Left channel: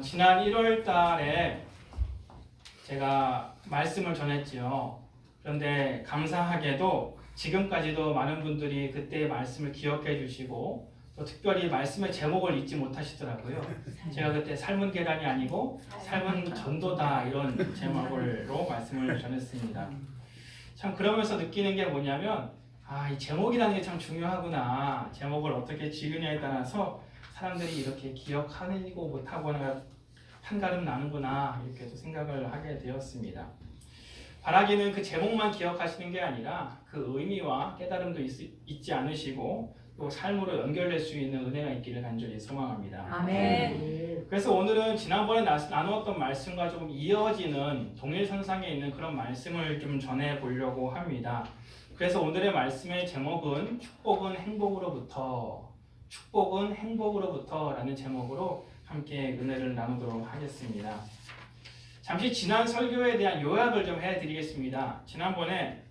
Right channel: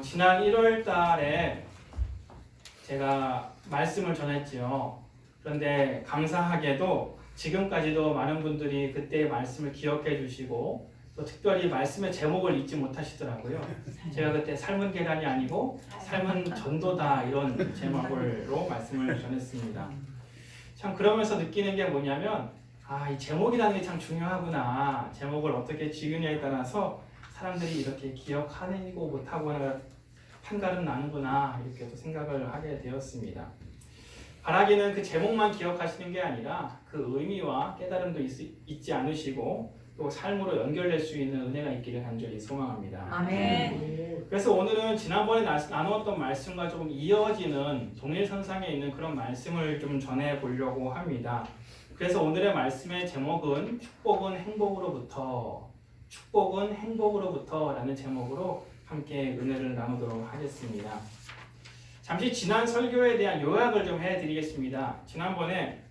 지난 1월 달에 제가 말씀을 전했지요. 그런데 감사하게도 지금까지도 많은 분들이 그때의 말씀을 기억해 주시고 또 특별히 말씀의 제목을 잊지 못하시더라고요. 제가 그때 삶은 계란이 아니고 삶은 전도다 이런 제목으로 말씀을 전했습니다. 참 그러면서 느끼는 게 뭐냐면 이 제목이라는 게 참 중요하구나. 제목을 어떻게 지으냐에 따라서 사람들이 이렇게 기억하고 못하거나 판가름 나는구나 이렇게 또 생각을 하게 되었습니다. 바라기는 그 제목만 기억하시는 게 아니라 그 의미와 깨달음도 잊지 않으시고 또 삶으로 연결될 수 있는 은혜가 있기를 간절히 소망합니다. 아멘. 그래서 오늘은 지난번에 나누었던 말씀과 조금 이어지는 동일선상에 있는 그런 말씀을 좀 전해 보려고 합니다. 그래서 오늘의 말씀의 제목은 축복은 행복으로부터 라는 제목으로 함께 은혜를 나누도록 하겠습니다. 잠시 지난 설교에 대한 요약을 좀 해드리겠습니다. 지난번에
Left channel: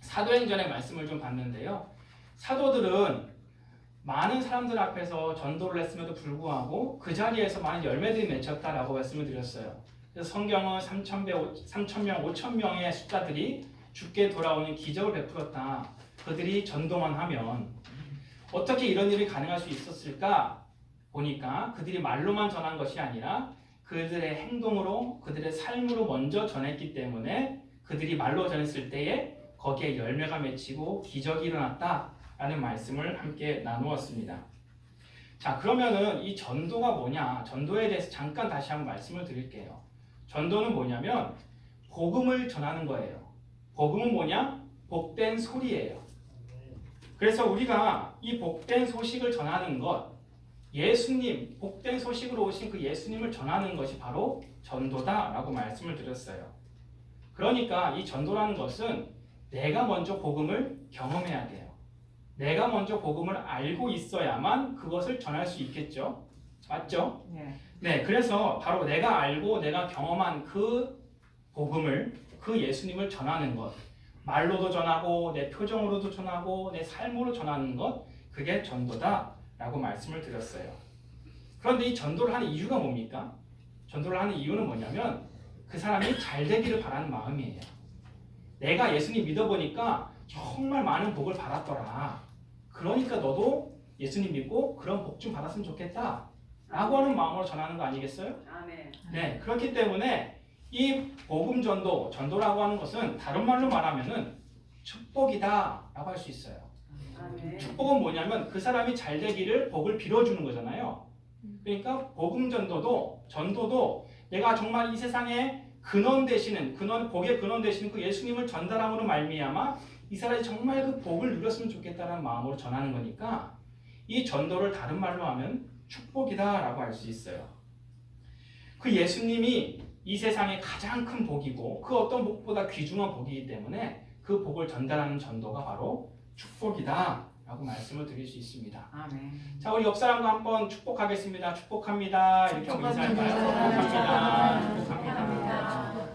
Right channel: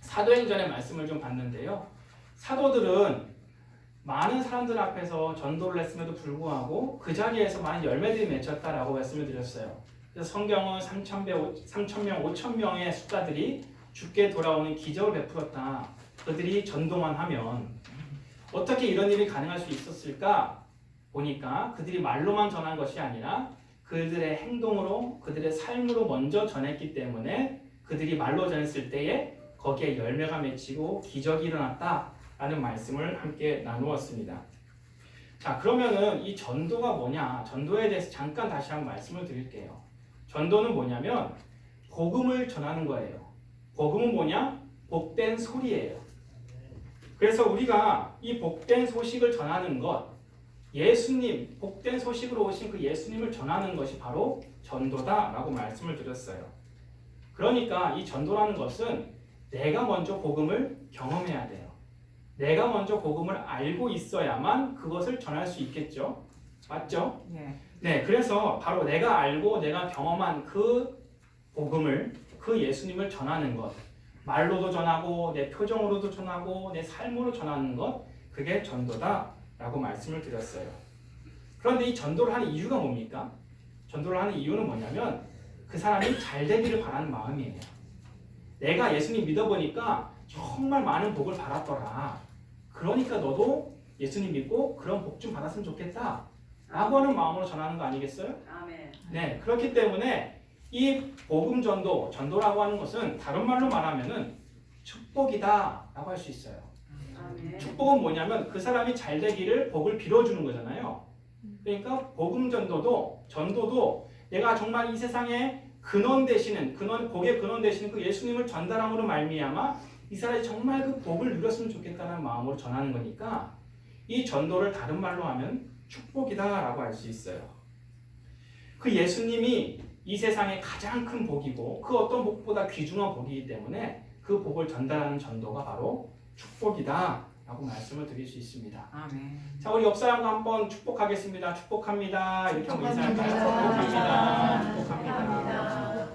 사도행전의 말씀을 좀 봤는데요. 사도들은 많은 사람들 앞에서 전도를 했음에도 불구하고 그 자리에서 많은 열매들이 맺혔다라고 말씀을 드렸어요. 그래서 성경은 3,000명, 5,000명의 숫자들이 죽게 돌아오는 기적을 베풀었다. 그들이 전도만 하면 어떻게 이런 일이 가능할 수 있었을까? 보니까 그들이 말로만 전한 것이 아니라 그들의 행동으로, 그들의 삶으로 먼저 전했기 때문에 그들이 말로 전했을 때에 거기에 열매가 맺히고 기적이 일어났다라는 말씀을 함께 나누었습니다. 자, 그러면은 이 전도가 뭐냐? 전도에 대해서 잠깐 다시 한번 말씀을 드릴게요. 전도는 뭐냐면 복음을 전하는 거예요. 복음은 뭐냐? 복된 소리예요. 그래서 우리가 이 복된 소식을 전하는 것, 예수님, 복된 소식으로 오신 그 예수님을 전하는 것이 바로 전도다라고 말씀을 드렸어요. 그러니까 이 전도라는 것은 내가 먼저 복음을 경험해야 돼요. 내가 먼저 복음을 알고 있어야만 그것을 전할 수 있겠죠. 맞죠? 네, 그래서 바로 내가 알고 내가 경험한 그 복음을, 그 예수님을 전하는 것, 말로도 전하고 내 표정으로도 전하고 내 삶으로 전하는 것, 그게 전도다라고 말씀을 드렸어요. 그런데 이 전도를 하는 이유가 뭡니까? 전도를 하는 이유는 뭐냐면 그 사람이 잘 되기를 바라는 마음이에요. 내가 예수님 믿어보니까 정말 많은 복을 받았더라. 그러니까 너도 예수님 믿고 그런 복 좀 받았으면 좋겠다 라고 하는 마음으로 전하는 거 아니겠어요? 아멘. 네, 그렇기 때문에 이 복음 전도라고 하는 것은 다른 말로 말하면은 축복이다 라고 할 수 있어요. 아멘. 축복은 뭐냐면 그 사람이 잘 되기를 복을 빌어주는 거잖아요. 그러니까 복음 전도도 내가 정말 이 세상에 복의 근원 되시는 그 예수님을 전달함으로 말미암아 이 사람이 정말 그 복을 누렸으면 좋겠다는 마음으로 전하는 거니까 이 전도를 다른 말로 하면 축복이다 라고 할 수 있어요. 그 예수님이 이 세상의 가장 큰 복이고 그 어떤 복보다 귀중한 복이기 때문에 그 복을 전달하는 전도가 바로 축복이다 라고 말씀을 드릴 수 있습니다. 아멘. 자, 우리 옆 사람과 한번 축복하겠습니다. 축복합니다. 이렇게 한번 인사할까요? 축복합니다. 축복합니다.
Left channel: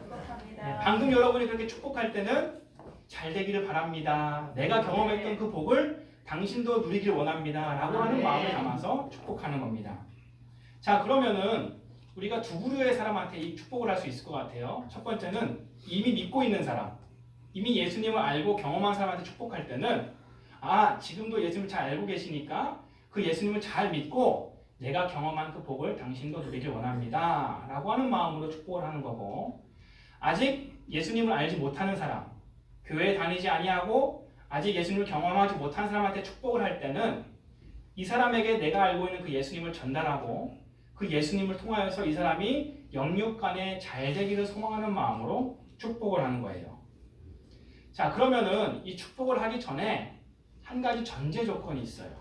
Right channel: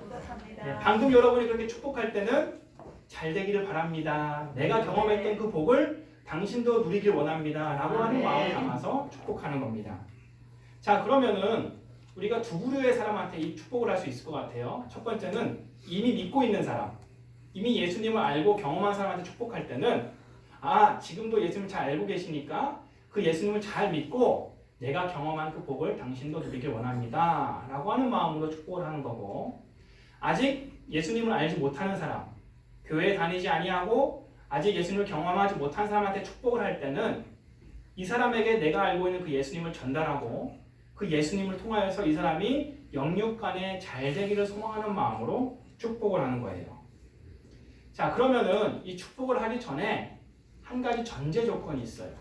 네, 방금 여러분이 그렇게 축복할 때는 잘 되기를 바랍니다. 내가 경험했던 그 복을 당신도 누리길 원합니다. 라고 하는 마음을 담아서 축복하는 겁니다. 자, 그러면은 우리가 두 부류의 사람한테 이 축복을 할 수 있을 것 같아요. 첫 번째는 이미 믿고 있는 사람, 이미 예수님을 알고 경험한 사람한테 축복할 때는 지금도 예수님을 잘 알고 계시니까 그 예수님을 잘 믿고 내가 경험한 그 복을 당신도 누리길 원합니다 라고 하는 마음으로 축복을 하는 거고, 아직 예수님을 알지 못하는 사람, 교회에 다니지 아니하고 아직 예수님을 경험하지 못한 사람한테 축복을 할 때는 이 사람에게 내가 알고 있는 그 예수님을 전달하고 그 예수님을 통하여서 이 사람이 영육간에 잘 되기를 소망하는 마음으로 축복을 하는 거예요. 자, 그러면은 이 축복을 하기 전에 한 가지 전제 조건이 있어요.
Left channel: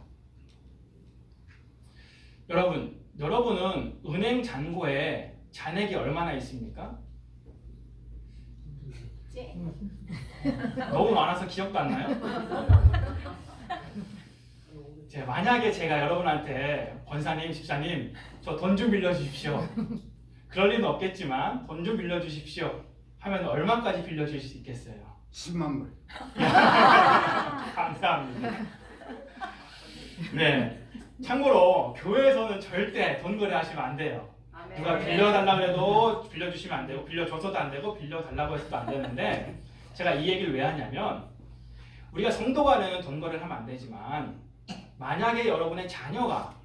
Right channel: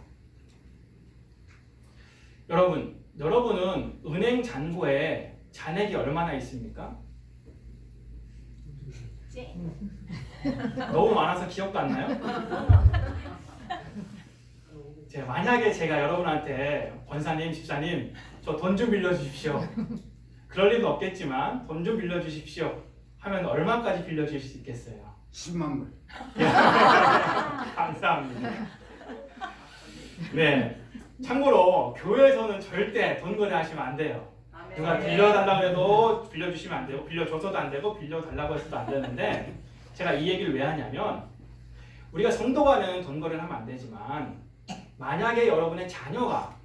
여러분은 은행 잔고에 잔액이 얼마나 있습니까? 너무 많아서 기억도 안 나요? 만약에 제가 여러분한테 권사님, 집사님 저 돈 좀 빌려주십시오. 그럴 리는 없겠지만 돈 좀 빌려주십시오 하면 얼마까지 빌려줄 수 있겠어요? 10만 불. 감사합니다. 네, 참고로 교회에서는 절대 돈 거래하시면 안 돼요. 아멘. 누가 빌려달라고 해도 빌려주시면 안 되고 빌려줘서도 안 되고 빌려달라고 해서도 안 되는데 제가 이 얘기를 왜 하냐면 우리가 성도간은 돈 거래를 하면 안 되지만 만약에 여러분의 자녀가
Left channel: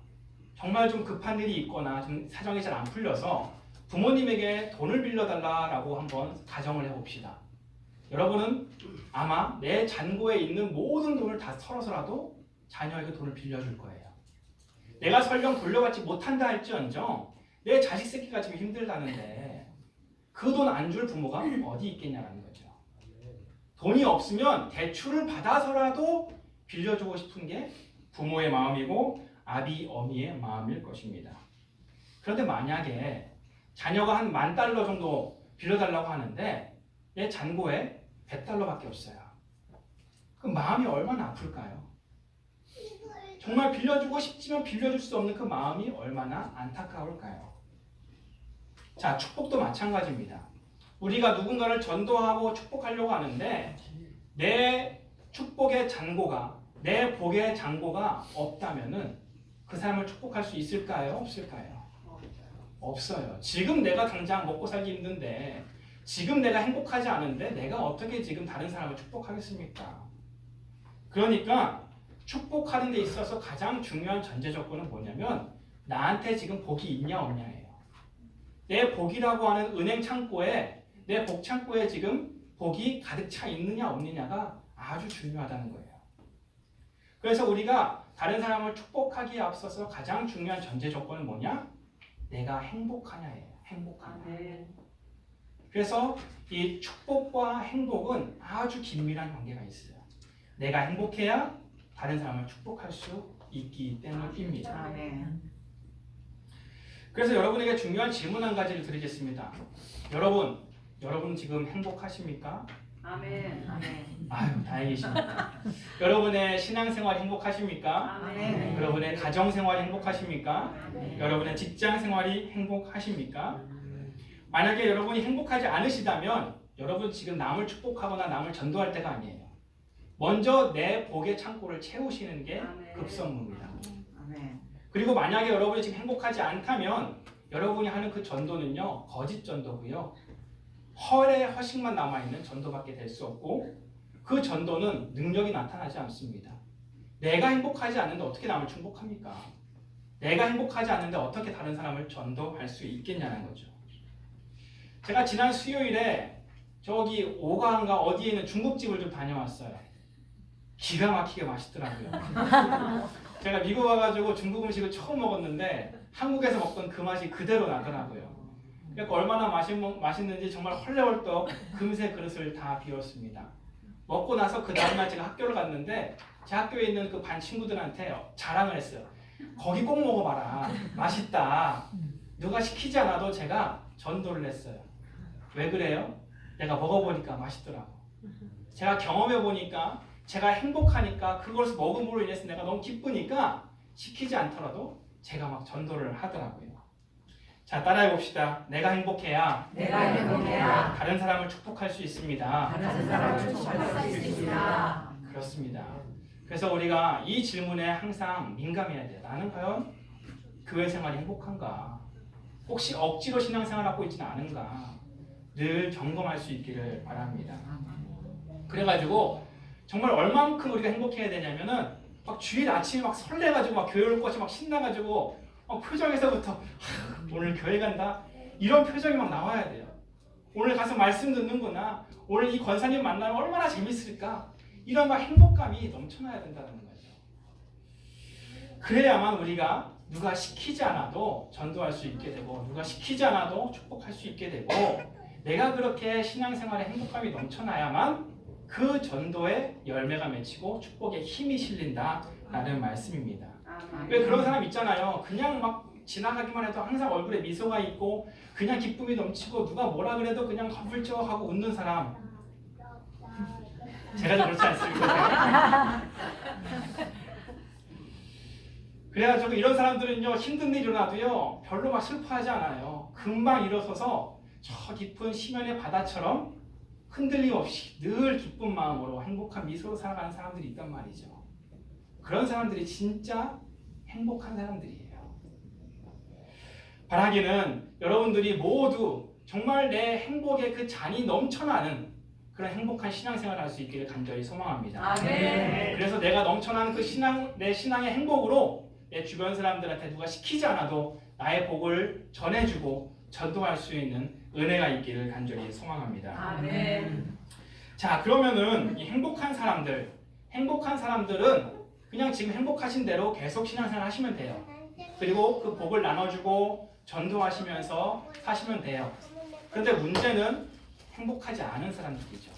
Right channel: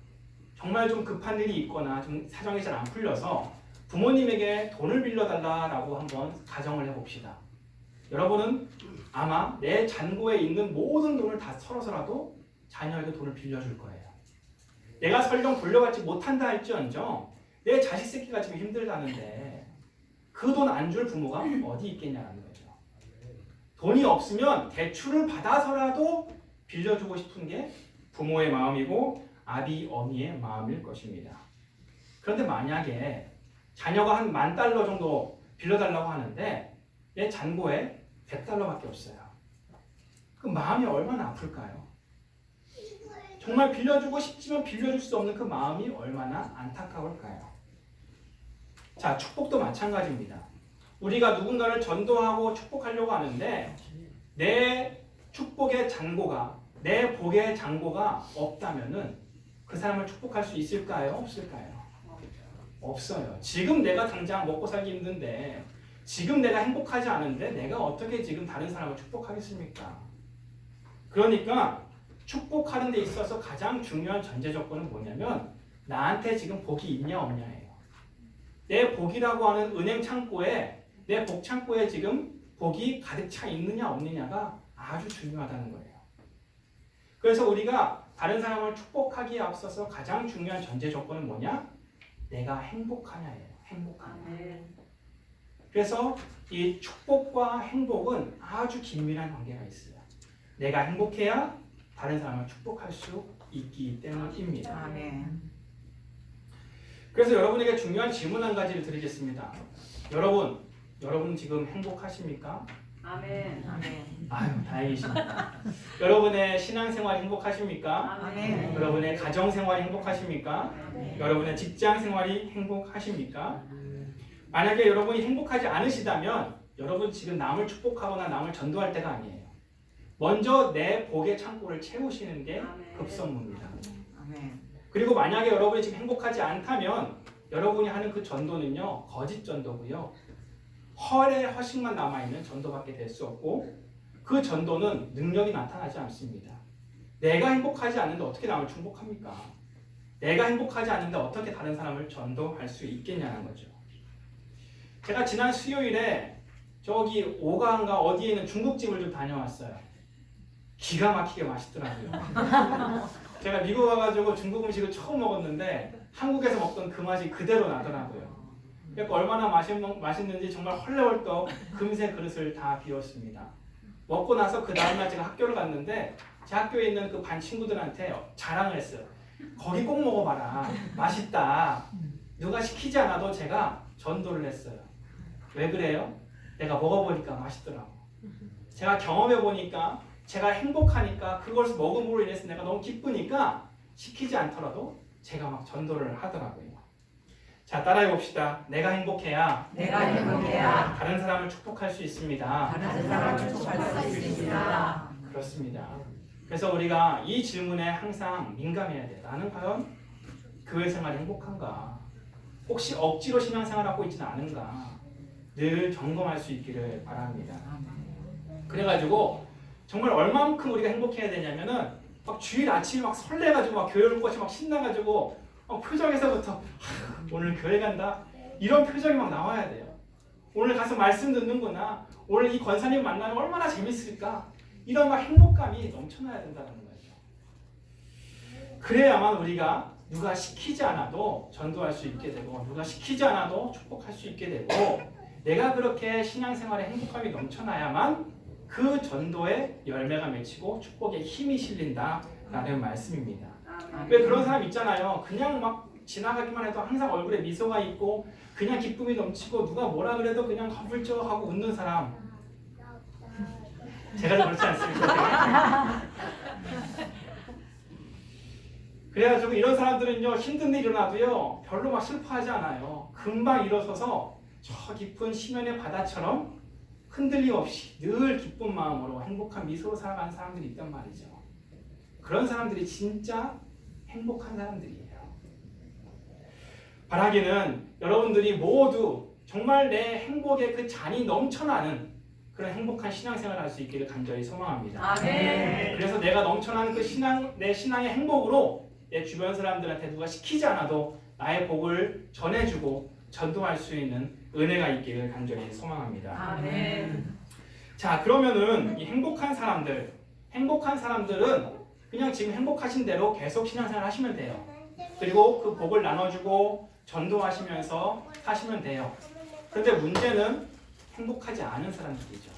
정말 좀 급한 일이 있거나 좀 사정이 잘 안 풀려서 부모님에게 돈을 빌려달라고 한번 가정을 해봅시다. 여러분은 아마 내 잔고에 있는 모든 돈을 다 털어서라도 자녀에게 돈을 빌려줄 거예요. 내가 설령 돌려받지 못한다 할지언정 내 자식 새끼가 지금 힘들다는데 그 돈 안 줄 부모가 어디 있겠냐는 거죠. 돈이 없으면 대출을 받아서라도 빌려주고 싶은 게 부모의 마음이고 아비 어미의 마음일 것입니다. 그런데 만약에 자녀가 한 $10,000 정도 빌려달라고 하는데 내 잔고에 $100밖에 없어요. 그 마음이 얼마나 아플까요? 정말 빌려주고 싶지만 빌려줄 수 없는 그 마음이 얼마나 안타까울까요? 자, 축복도 마찬가지입니다. 우리가 누군가를 전도하고 축복하려고 하는데 내 축복의 잔고가 내 복의 잔고가 없다면은 그 사람을 축복할 수 있을까요? 없을까요? 없어요. 지금 내가 당장 먹고 살기 힘든데 지금 내가 행복하지 않은데 내가 어떻게 지금 다른 사람을 축복하겠습니까? 그러니까 축복하는 데 있어서 가장 중요한 전제 조건은 뭐냐면 나한테 지금 복이 있냐 없냐예요. 내 복이라고 하는 은행 창고에 내 복 창고에 지금 복이 가득 차 있느냐 없느냐가 아주 중요하다는 거예요. 그래서 우리가 다른 사람을 축복하기에 앞서서 가장 중요한 전제 조건은 뭐냐? 내가 행복하냐예요. 행복하냐. 그래서 이 축복과 행복은 아주 긴밀한 관계가 있어요. 내가 행복해야 다른 사람을 축복할 수 있기 때문입니다. 그래서 여러분에게 중요한 질문 한 가지를 드리겠습니다. 여러분 지금 행복하십니까? 아멘. 아유, 다행이십니다. 여러분의 신앙생활 행복하십니까? 아멘. 여러분의 가정생활이 행복하십니까? 여러분의 직장생활이 행복하십니까? 만약에 여러분이 행복하지 않으시다면 여러분 지금 남을 축복하거나 남을 전도할 때가 아니에요. 먼저 내 복의 창고를 채우시는 게 급선무입니다. 그리고 만약에 여러분이 지금 행복하지 않다면 여러분이 하는 그 전도는요 거짓 전도고요. 허식만 남아있는 전도밖에 될 수 없고 그 전도는 능력이 나타나지 않습니다. 내가 행복하지 않는데 어떻게 남을 축복합니까? 내가 행복하지 않는데 어떻게 다른 사람을 전도할 수 있겠냐는 거죠. 제가 지난 수요일에 저기 오가인가 어디에 있는 중국집을 좀 다녀왔어요. 기가 막히게 맛있더라고요. 제가 미국 와가지고 중국 음식을 처음 먹었는데 한국에서 먹던 그 맛이 그대로 나더라고요. 그러니까 얼마나 맛있는지 정말 헐레벌떡 금세 그릇을 다 비웠습니다. 먹고 나서 그 다음날 제가 학교를 갔는데 제 학교에 있는 그 반 친구들한테 자랑을 했어요. 거기 꼭 먹어봐라. 맛있다. 누가 시키지 않아도 제가 전도를 했어요. 왜 그래요? 내가 먹어보니까 맛있더라고. 제가 경험해보니까 제가 행복하니까 그것을 먹음으로 인해서 내가 너무 기쁘니까 시키지 않더라도 제가 막 전도를 하더라고요. 자, 따라해 봅시다. 내가 행복해야 다른 사람을 축복할 수 있습니다. 그렇습니다. 그래서 우리가 이 질문에 항상 민감해야 돼요. 나는 과연 교회 생활이 행복한가? 혹시 억지로 신앙생활하고 있지는 않은가? 늘 점검할 수 있기를 바랍니다. 그래가지고 정말 얼만큼 우리가 행복해야 되냐면은 막 주일 아침에 막 설레가지고 막 교회 올 것이 막 신나가지고 막 표정에서부터 오늘 교회 간다 이런 표정이 막 나와야 돼요. 오늘 가서 말씀 듣는구나. 오늘 이 권사님 만나면 얼마나 재밌을까. 이런 막 행복감이 넘쳐나야 된다는 거죠. 그래야만 우리가 누가 시키지 않아도 전도할 수 있게 되고 누가 시키지 않아도 축복할 수 있게 되고 내가 그렇게 신앙생활에 행복감이 넘쳐나야만 그 전도에 열매가 맺히고 축복에 힘이 실린다라는 말씀입니다. 왜 그런 사람 있잖아요. 그냥 막 지나가기만 해도 항상 얼굴에 미소가 있고 그냥 기쁨이 넘치고 누가 뭐라 그래도 그냥 훌쩍하고 웃는 사람. 제가 좀 그렇지 않습니까? 그래가지고 이런 사람들은요 힘든 일이 일어나도요 별로 막 슬퍼하지 않아요. 금방 일어서서 저 깊은 심연의 바다처럼 흔들림 없이 늘 기쁜 마음으로 행복한 미소로 살아가는 사람들이 있단 말이죠. 그런 사람들이 진짜 행복한 사람들이에요. 바라기는 여러분들이 모두 정말 내 행복의 그 잔이 넘쳐나는 그런 행복한 신앙생활을 할 수 있기를 간절히 소망합니다. 아멘. 그래서 내가 넘쳐나는 그 내 신앙의 행복으로 내 주변 사람들한테 누가 시키지 않아도 나의 복을 전해주고 전도할 수 있는 은혜가 있기를 간절히 소망합니다. 아멘. 자, 그러면은 이 행복한 사람들은 그냥 지금 행복하신 대로 계속 신앙생활 하시면 돼요. 그리고 그 복을 나눠주고 전도하시면서 사시면 돼요. 그런데 문제는 행복하지 않은 사람들이죠.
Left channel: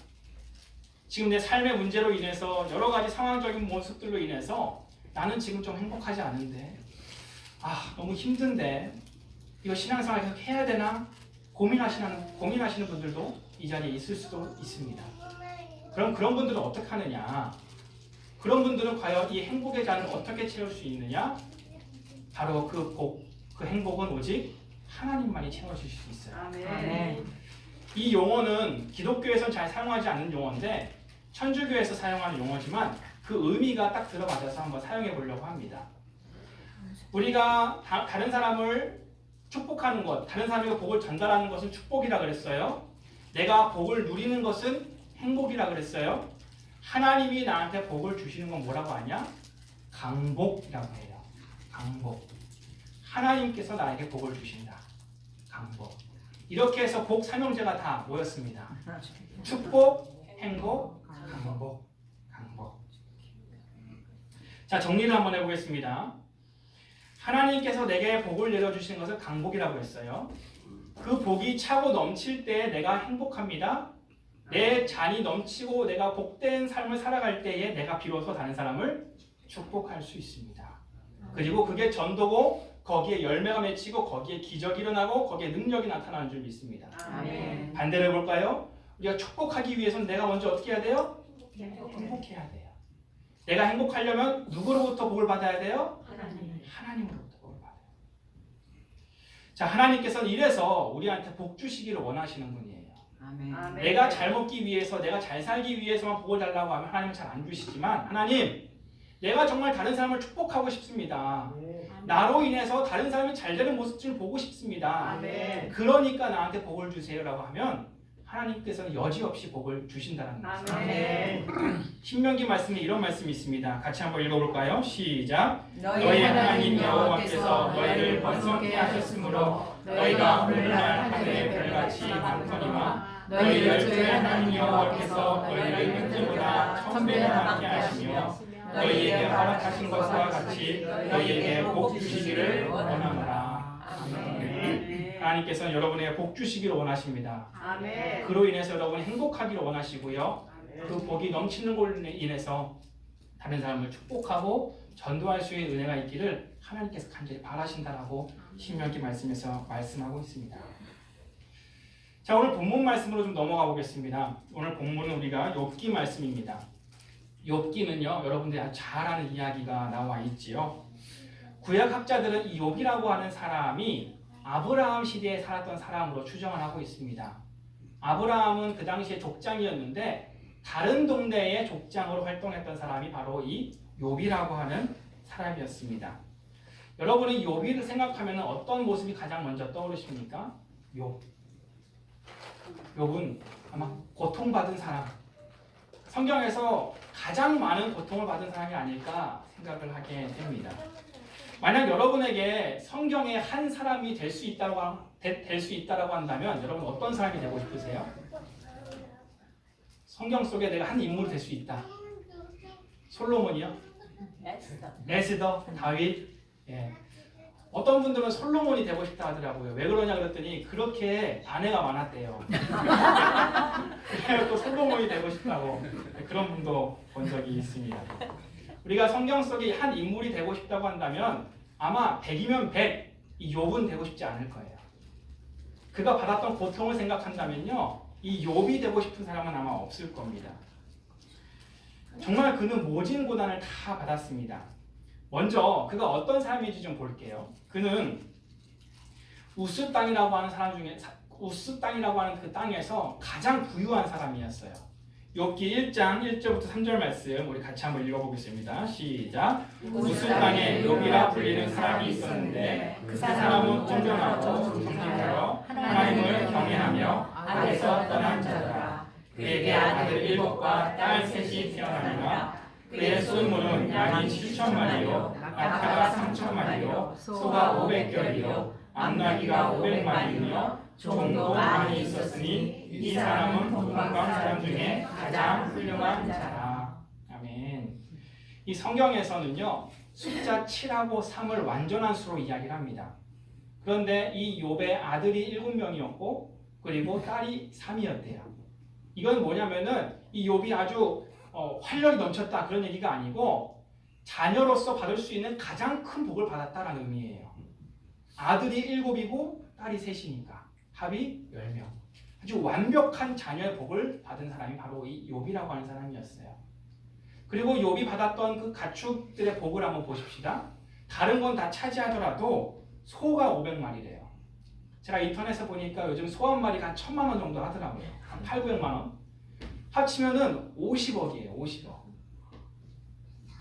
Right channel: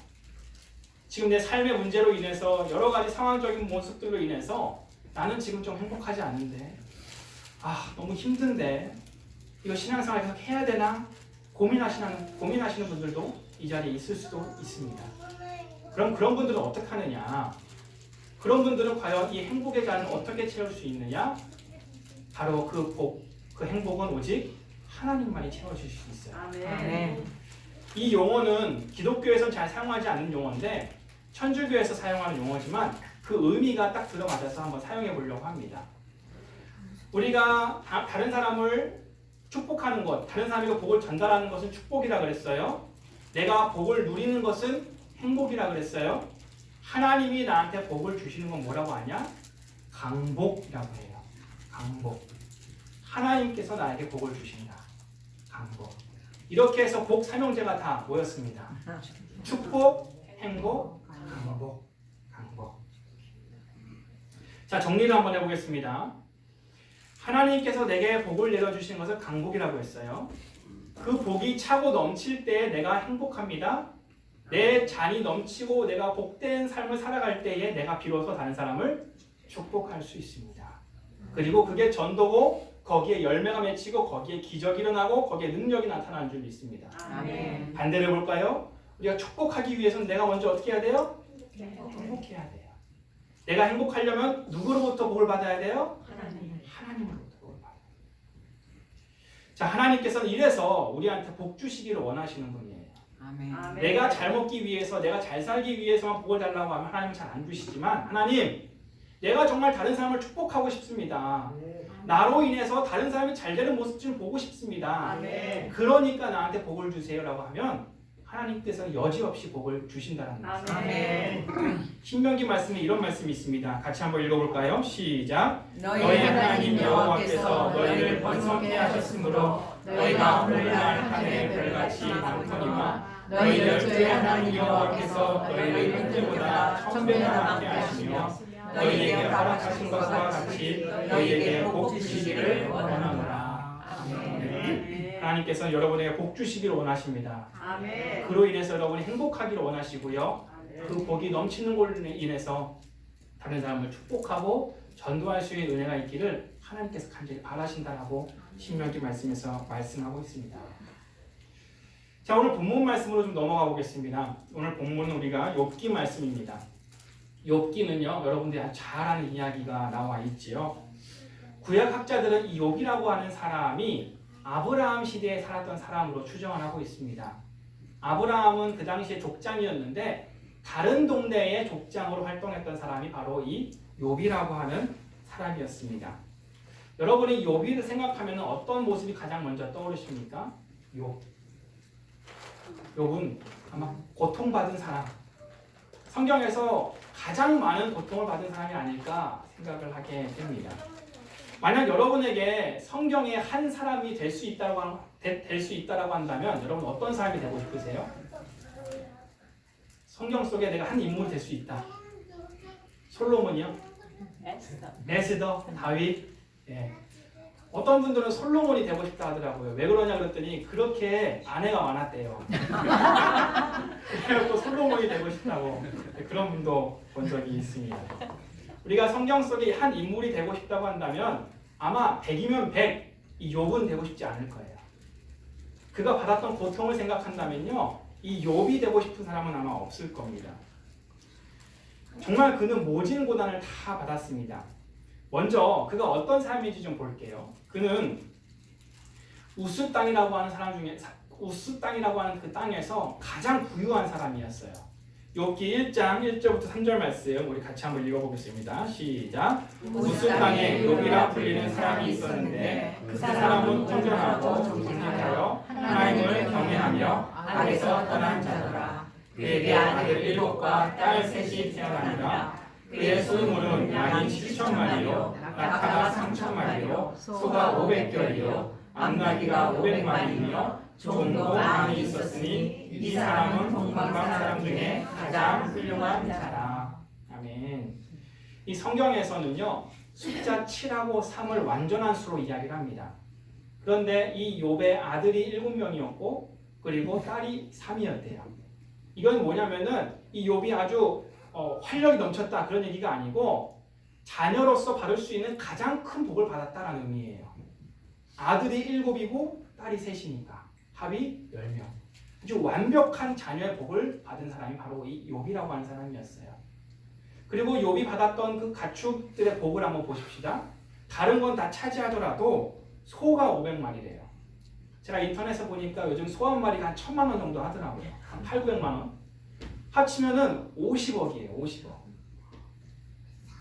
지금 내 삶의 문제로 인해서 여러 가지 상황적인 모습들로 인해서 나는 지금 좀 행복하지 않은데, 너무 힘든데 이거 신앙생활 계속 해야 되나 고민하시는 분들도 이 자리에 있을 수도 있습니다. 그럼 그런 분들은 어떻게 하느냐? 그런 분들은 과연 이 행복의 잔을 어떻게 채울 수 있느냐? 바로 그 행복은 오직 하나님만이 채워주실 수 있어요. 아멘. 이 용어는 기독교에서는 잘 사용하지 않는 용어인데 천주교에서 사용하는 용어지만 그 의미가 딱 들어맞아서 한번 사용해 보려고 합니다. 우리가 다른 사람을 축복하는 것, 다른 사람에게 복을 전달하는 것은 축복이라 그랬어요. 내가 복을 누리는 것은 행복이라 그랬어요. 하나님이 나한테 복을 주시는 건 뭐라고 하냐? 강복이라고 해요. 강복. 하나님께서 나에게 복을 주신다. 강복. 이렇게 해서 복 삼형제가 다 모였습니다. 축복, 행복, 강복. 강복. 자, 정리를 한번 해보겠습니다. 하나님께서 내게 복을 내려주신 것을 강복이라고 했어요. 그 복이 차고 넘칠 때 내가 행복합니다. 내 잔이 넘치고 내가 복된 삶을 살아갈 때에 내가 비로소 다른 사람을 축복할 수 있습니다. 그리고 그게 전도고 거기에 열매가 맺히고 거기에 기적이 일어나고 거기에 능력이 나타나는 줄 믿습니다. 아멘. 반대로 해볼까요? 우리가 축복하기 위해서는 내가 먼저 어떻게 해야 돼요? 행복해야 돼요. 내가 행복하려면 누구로부터 복을 받아야 돼요? 하나님으로부터 복을 받아요. 자, 하나님께서는 이래서 우리한테 복 주시기를 원하시는 분이에요. 아멘. 내가 잘 먹기 위해서, 내가 잘 살기 위해서만 복을 달라고 하면 하나님은 잘 안 주시지만, 하나님, 내가 정말 다른 사람을 축복하고 싶습니다. 나로 인해서 다른 사람이 잘 되는 모습 좀 보고 싶습니다. 아멘. 그러니까 나한테 복을 주세요라고 하면 하나님께서는 여지없이 복을 주신다는 거예요. 아멘. 신명기 말씀에 이런 말씀이 있습니다. 같이 한번 읽어볼까요? 시작. 너희 하나님 여호와께서 너희를 번성케 하셨으므로 너희가 오늘날 하늘의 별같이 많거니와 너희 열조의 하나님 여호와께서 너희를 현재보다 1000배나 많게 하시며 너희에게 허락하신 것과 같이 너희에게 복 주시기를 원하노라. 아멘. 하나님께서는 여러분에게 복 주시기를 원하십니다. 아멘. 그로 인해서 여러분이 행복하기를 원하시고요. 그 복이 넘치는 걸로 인해서 다른 사람을 축복하고 전도할 수 있는 은혜가 있기를 하나님께서 간절히 바라신다라고 신명기 말씀에서 말씀하고 있습니다. 자, 오늘 본문 말씀으로 좀 넘어가 보겠습니다. 오늘 본문은 우리가 욥기 말씀입니다. 욥기는요, 여러분들이 아주 잘 아는 이야기가 나와 있지요. 구약 학자들은 이 욥이라고 하는 사람이 아브라함 시대에 살았던 사람으로 추정을 하고 있습니다. 아브라함은 그 당시에 족장이었는데 다른 동네의 족장으로 활동했던 사람이 바로 이 욥이라고 하는 사람이었습니다. 여러분이 욥을 생각하면 어떤 모습이 가장 먼저 떠오르십니까? 욥은 아마 고통받은 사람, 성경에서 가장 많은 고통을 받은 사람이 아닐까 생각을 하게 됩니다. 만약 여러분에게 성경의 한 사람이 될 수 있다라고 한다면 여러분 어떤 사람이 되고 싶으세요? 성경 속에 내가 한 인물이 될 수 있다. 솔로몬이요? 에스더, 다윗. 예. 어떤 분들은 솔로몬이 되고 싶다 하더라고요. 왜 그러냐 그랬더니 그렇게 아내가 많았대요. 그래서 솔로몬이 되고 싶다고 그런 분도 본 적이 있습니다. 우리가 성경 속에 한 인물이 되고 싶다고 한다면 아마 100이면 100, 이 욥은 되고 싶지 않을 거예요. 그가 받았던 고통을 생각한다면요, 이 욥이 되고 싶은 사람은 아마 없을 겁니다. 정말 그는 모진 고난을 다 받았습니다. 먼저 그가 어떤 삶인지 좀 볼게요. 그는 우스 땅이라고 하는 사람 중에 우스 땅이라고 하는 그 땅에서 가장 부유한 사람이었어요. 욥기 1장 1절부터 3절 말씀 우리 같이 한번 읽어보겠습니다. 시작. 우스 땅에 욥이라 불리는 사람이 있었는데 그 사람은 온전하고 족과 딸 셋이 태어나니라. 그의 수물은 양이 7,000마리요 낙타가 3,000마리요 소가 500결이요 암나귀가 500마리이며 종도 많이 있었으니 이 사람은 동방 사람 중에 가장 훌륭한 자라. 아멘. 이 성경에서는요 숫자 7하고 3을 완전한 수로 이야기를 합니다. 그런데 이 욥의 아들이 7명이었고 그리고 딸이 3이었대요. 이건 뭐냐면은 이 욥이 아주 활력이 넘쳤다 그런 얘기가 아니고 자녀로서 받을 수 있는 가장 큰 복을 받았다라는 의미예요. 아들이 7이고 딸이 3이니까 합이 10명. 아주 완벽한 자녀의 복을 받은 사람이 바로 이 욥이라고 하는 사람이었어요. 그리고 욥이 받았던 그 가축들의 복을 한번 보십시다. 다른 건 다 차지하더라도 소가 500마리래요. 제가 인터넷에 보니까 요즘 소 한 마리가 한 1,000만 원 정도 하더라고요. 한 8, 900만 원. 합치면은 50억이에요. 50억.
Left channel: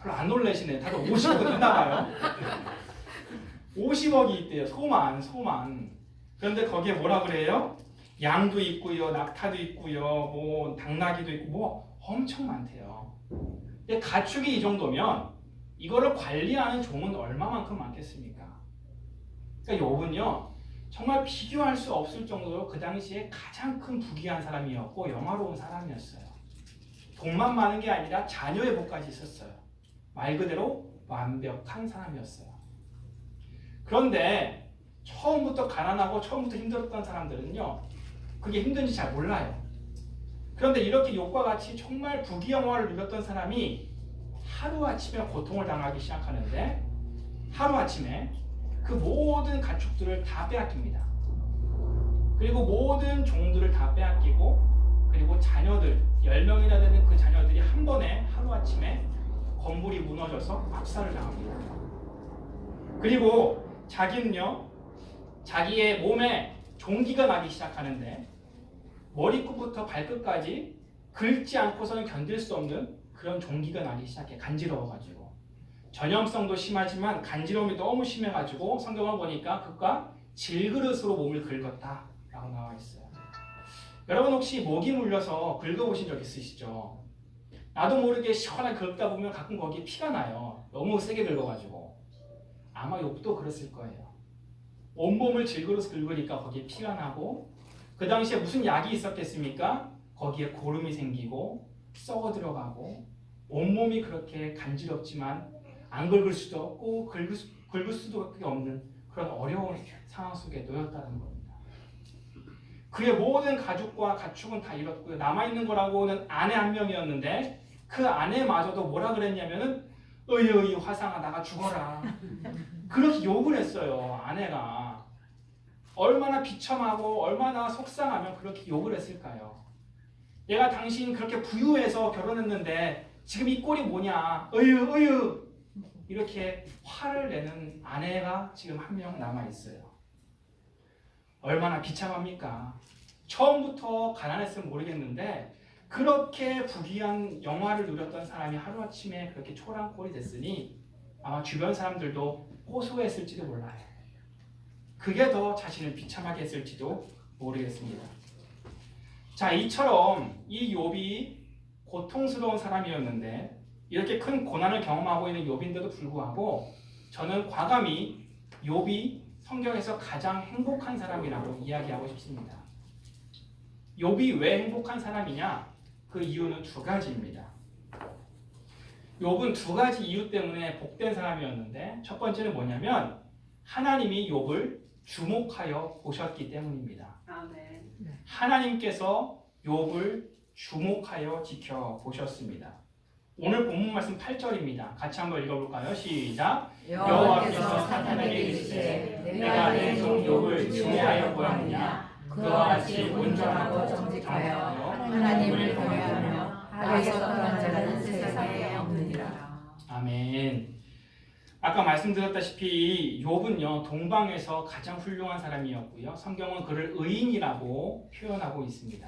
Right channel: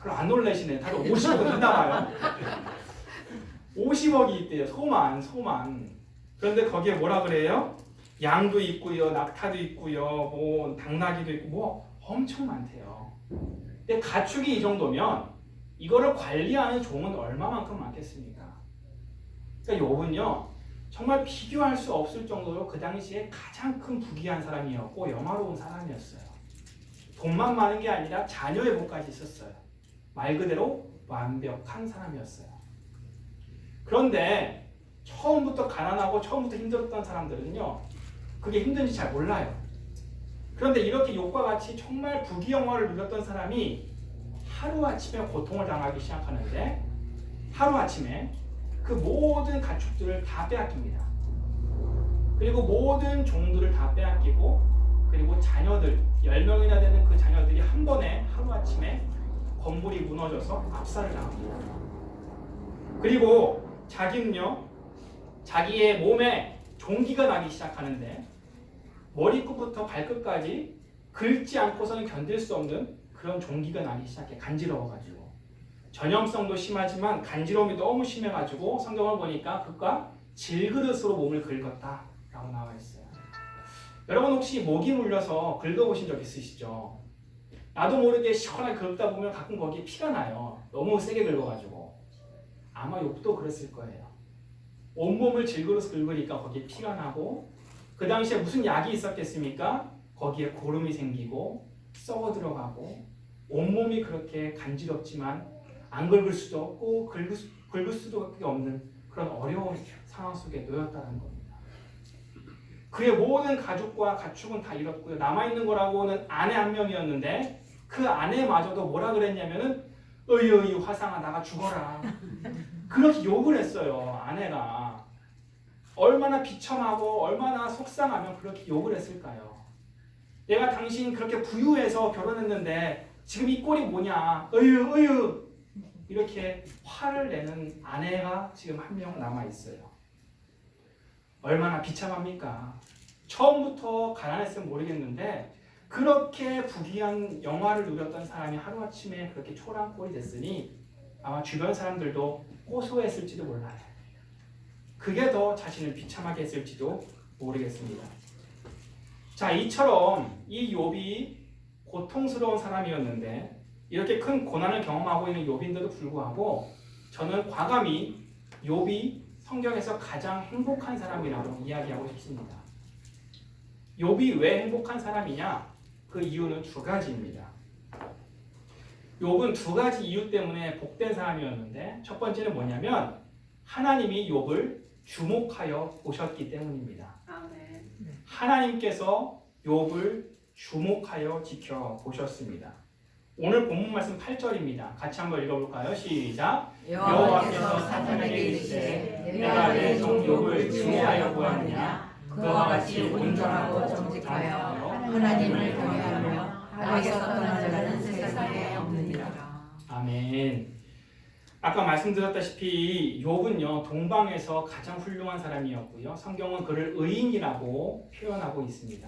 별로 안 놀라시네. 다들 50억은 있나 봐요. 50억이 있대요. 소만. 그런데 거기에 뭐라 그래요? 양도 있고요. 낙타도 있고요. 뭐 당나귀도 있고 뭐 엄청 많대요. 근데 가축이 이 정도면 이거를 관리하는 종은 얼마만큼 많겠습니까? 그러니까 욥은요. 정말 비교할 수 없을 정도로 그 당시에 가장 큰 부귀한 사람이었고 영화로운 사람이었어요. 돈만 많은 게 아니라 자녀의 복까지 있었어요. 말 그대로 완벽한 사람이었어요. 그런데 처음부터 가난하고 처음부터 힘들었던 사람들은요. 그게 힘든지 잘 몰라요. 그런데 이렇게 욥과 같이 정말 부귀영화를 누렸던 사람이 하루아침에 고통을 당하기 시작하는데 하루아침에 그 모든 가축들을 다 빼앗깁니다. 그리고 모든 종들을 다 빼앗기고 그리고 자녀들 10명이나 되는 그 자녀들이 한 번에 하루아침에 건물이 무너져서 압살을 당합니다. 그리고 자기는요 자기의 몸에 종기가 나기 시작하는데 머리끝부터 발끝까지 긁지 않고서는 견딜 수 없는 그런 종기가 나기 시작해. 간지러워가지고 전염성도 심하지만 간지러움이 너무 심해가지고 성경을 보니까 그가 질그릇으로 몸을 긁었다라고 나와 있어요. 여러분 혹시 모기 물려서 긁어보신 적 있으시죠? 나도 모르게 시원하게 긁다 보면 가끔 거기에 피가 나요. 너무 세게 긁어가지고. 아마 욥도 그랬을 거예요. 온몸을 질그릇 긁으니까 거기에 피가 나고 그 당시에 무슨 약이 있었겠습니까? 거기에 고름이 생기고 썩어 들어가고 온몸이 그렇게 간지럽지만 안 긁을 수도 없고 긁을 수도 없는 그런 어려운 상황 속에 놓였다는 겁니다. 그의 모든 가족과 가축은 다 잃었고요. 남아있는 거라고는 아내 한 명이었는데 그 아내마저도 뭐라 그랬냐면은 어이 화상아 나가 죽어라. 그렇게 욕을 했어요. 아내가. 얼마나 비참하고 얼마나 속상하면 그렇게 욕을 했을까요? 내가 당신 그렇게 부유해서 결혼했는데 지금 이 꼴이 뭐냐? 어휴 이렇게 화를 내는 아내가 지금 한 명 남아있어요. 얼마나 비참합니까? 처음부터 가난했으면 모르겠는데 그렇게 부귀한 영화를 누렸던 사람이 하루아침에 그렇게 초라한 꼴이 됐으니 아마 주변 사람들도 호소했을지도 몰라요. 그게 더 자신을 비참하게 했을지도 모르겠습니다. 자, 이처럼 이 욥이 고통스러운 사람이었는데 이렇게 큰 고난을 경험하고 있는 욥인데도 불구하고 저는 과감히 욥이 성경에서 가장 행복한 사람이라고 이야기하고 싶습니다. 욥이 왜 행복한 사람이냐? 그 이유는 두 가지입니다. 욥은 두 가지 이유 때문에 복된 사람이었는데 첫 번째는 뭐냐면 하나님이 욥을 주목하여 보셨기 때문입니다. 아멘. 하나님께서 욥을 주목하여 지켜보셨습니다. 오늘 본문 말씀 8절입니다. 같이 한번 읽어볼까요? 시작! 여호와께서 사탄에게 이르시되 내가 내 종 욥을 주의하여 보았느냐? 그와 같이 온전하고 정직하여 하나님을 경외하며 악에서 떠난 자는 세상에 없느니라. 아멘. 아까 말씀드렸다시피 욥은요 동방에서 가장 훌륭한 사람이었고요. 성경은 그를 의인이라고 표현하고 있습니다.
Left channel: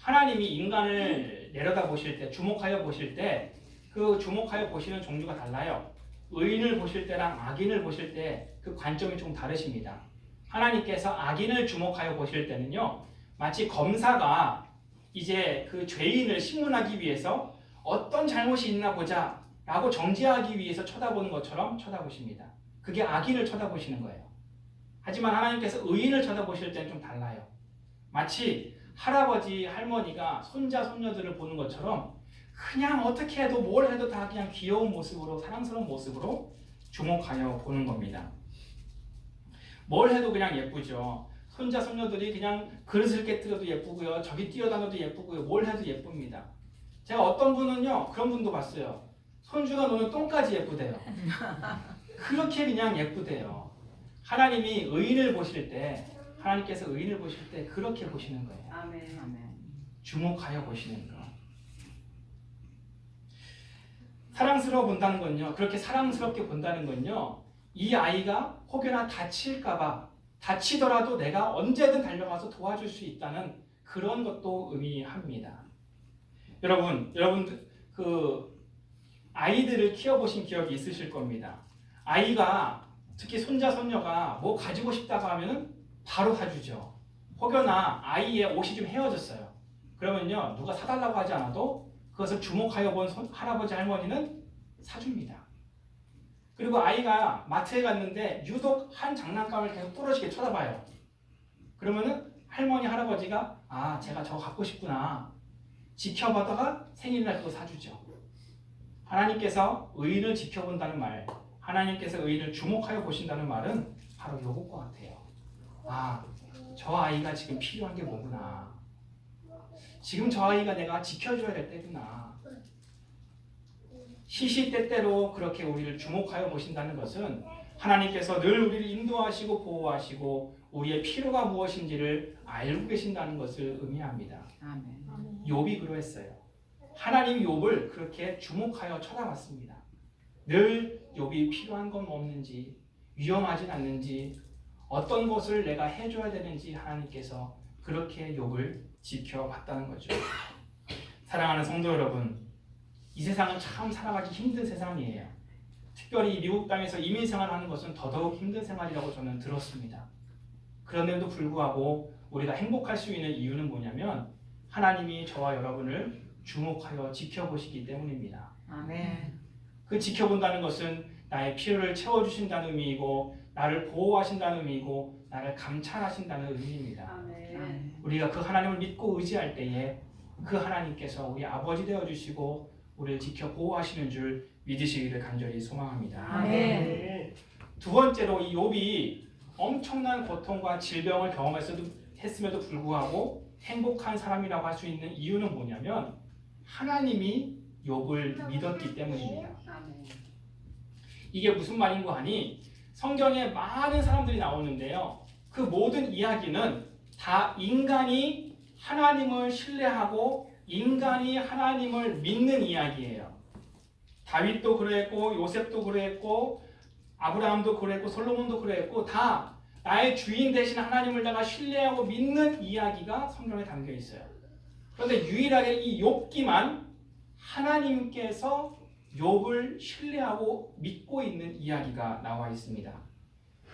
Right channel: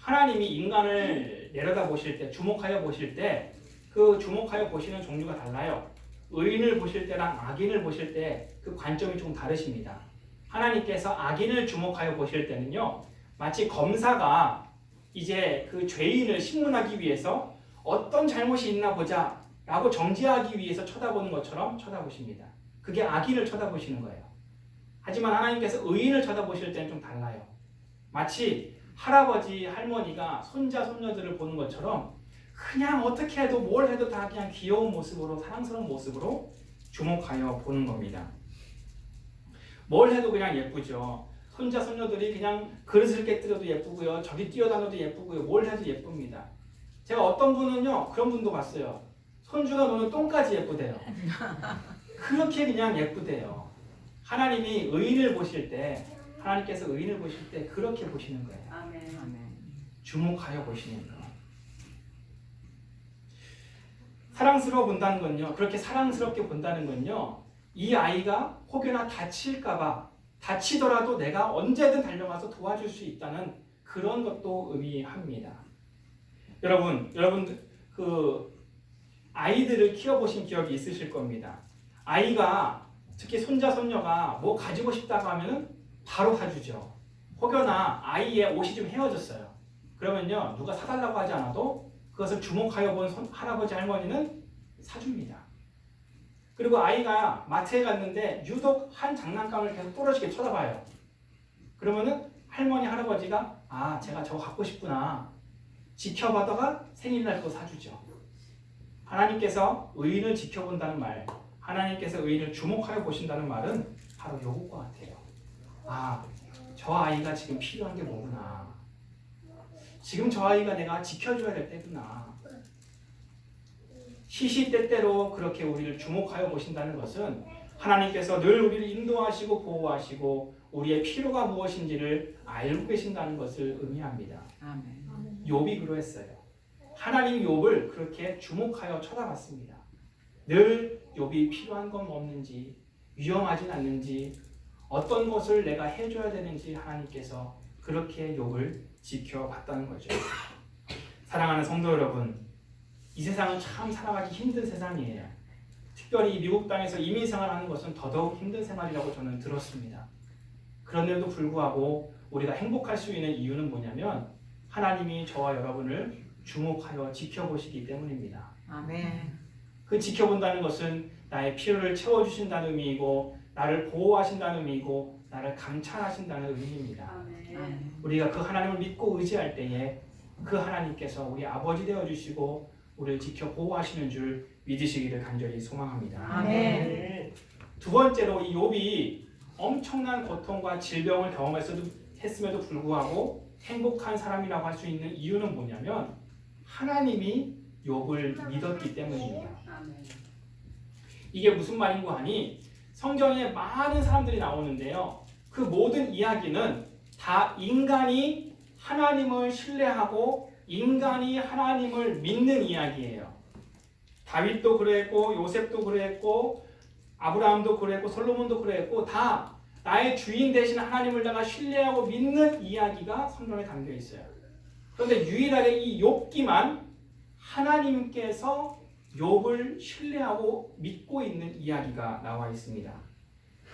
하나님이 인간을 내려다 보실 때, 주목하여 보실 때 그 주목하여 보시는 종류가 달라요. 의인을 보실 때랑 악인을 보실 때 그 관점이 좀 다르십니다. 하나님께서 악인을 주목하여 보실 때는요 마치 검사가 이제 그 죄인을 신문하기 위해서 어떤 잘못이 있나 보자 라고 정죄하기 위해서 쳐다보는 것처럼 쳐다보십니다. 그게 악인을 쳐다보시는 거예요. 하지만 하나님께서 의인을 쳐다보실 때는 좀 달라요. 마치 할아버지, 할머니가 손자, 손녀들을 보는 것처럼 그냥 어떻게 해도 뭘 해도 다 그냥 귀여운 모습으로, 사랑스러운 모습으로 주목하여 보는 겁니다. 뭘 해도 그냥 예쁘죠. 손자, 손녀들이 그냥 그릇을 깨뜨려도 예쁘고요. 저기 뛰어다녀도 예쁘고요. 뭘 해도 예쁩니다. 제가 어떤 분은요, 그런 분도 봤어요. 손주가 노는 똥까지 예쁘대요. 그렇게 그냥 예쁘대요. 하나님이 의인을 보실 때, 하나님께서 의인을 보실 때 그렇게 보시는 거예요. 아멘. 주목하여 보시는 거. 사랑스러워 본다는 건요, 그렇게 사랑스럽게 본다는 건요, 이 아이가 혹여나 다칠까봐, 다치더라도 내가 언제든 달려가서 도와줄 수 있다는 그런 것도 의미합니다. 여러분 그 아이들을 키워보신 기억이 있으실 겁니다. 아이가 특히 손자 손녀가 뭐 가지고 싶다고 하면 바로 사주죠. 혹여나 아이의 옷이 좀 헤어졌어요. 그러면요, 누가 사달라고 하지 않아도 그것을 주목하여 본 할아버지 할머니는 사줍니다. 그리고 아이가 마트에 갔는데 유독 한 장난감을 계속 뚫어지게 쳐다봐요. 그러면은 할머니 할아버지가 아, 제가 저거 갖고 싶구나 지켜보다가 생일날 그거 사주죠. 하나님께서 의인을 지켜본다는 말, 하나님께서 의인을 주목하여 보신다는 말은 바로 요것과 같아요. 아, 저 아이가 지금 필요한 게 뭐구나. 지금 저 아이가 내가 지켜줘야 될 때구나. 시시때때로 그렇게 우리를 주목하여 보신다는 것은 하나님께서 늘 우리를 인도하시고 보호하시고 우리의 필요가 무엇인지를 알고 계신다는 것을 의미합니다. 아멘. 욥이 그러했어요. 하나님 욥을 그렇게 주목하여 쳐다봤습니다. 늘 욥이 필요한 건 없는지, 위험하진 않는지, 어떤 것을 내가 해줘야 되는지 하나님께서 그렇게 욥을 지켜봤다는 거죠. 사랑하는 성도 여러분, 이 세상은 참 살아가기 힘든 세상이에요. 특별히 미국 땅에서 이민 생활하는 것은 더더욱 힘든 생활이라고 저는 들었습니다. 그런데도 불구하고 우리가 행복할 수 있는 이유는 뭐냐면 하나님이 저와 여러분을 주목하여 지켜보시기 때문입니다. 아멘. 그 지켜본다는 것은 나의 필요를 채워주신다는 의미이고 나를 보호하신다는 의미이고 나를 감찰하신다는 의미입니다. 아멘. 우리가 그 하나님을 믿고 의지할 때에 그 하나님께서 우리 아버지 되어주시고 우리를 지켜 보호하시는 줄 믿으시기를 간절히 소망합니다. 아멘. 두 번째로 이 욥이 엄청난 고통과 질병을 경험했음에도 불구하고 행복한 사람이라고 할 수 있는 이유는 뭐냐면 하나님이 욥을 믿었기 때문입니다. 아멘. 이게 무슨 말인고 하니 성경에 많은 사람들이 나오는데요. 그 모든 이야기는 다 인간이 하나님을 신뢰하고 인간이 하나님을 믿는 이야기예요. 다윗도 그랬고 요셉도 그랬고 아브라함도 그랬고 솔로몬도 그랬고 다 나의 주인 되신 하나님을 내가 신뢰하고 믿는 이야기가 성경에 담겨 있어요. 그런데 유일하게 이 욥기만 하나님께서 욥을 신뢰하고 믿고 있는 이야기가 나와 있습니다.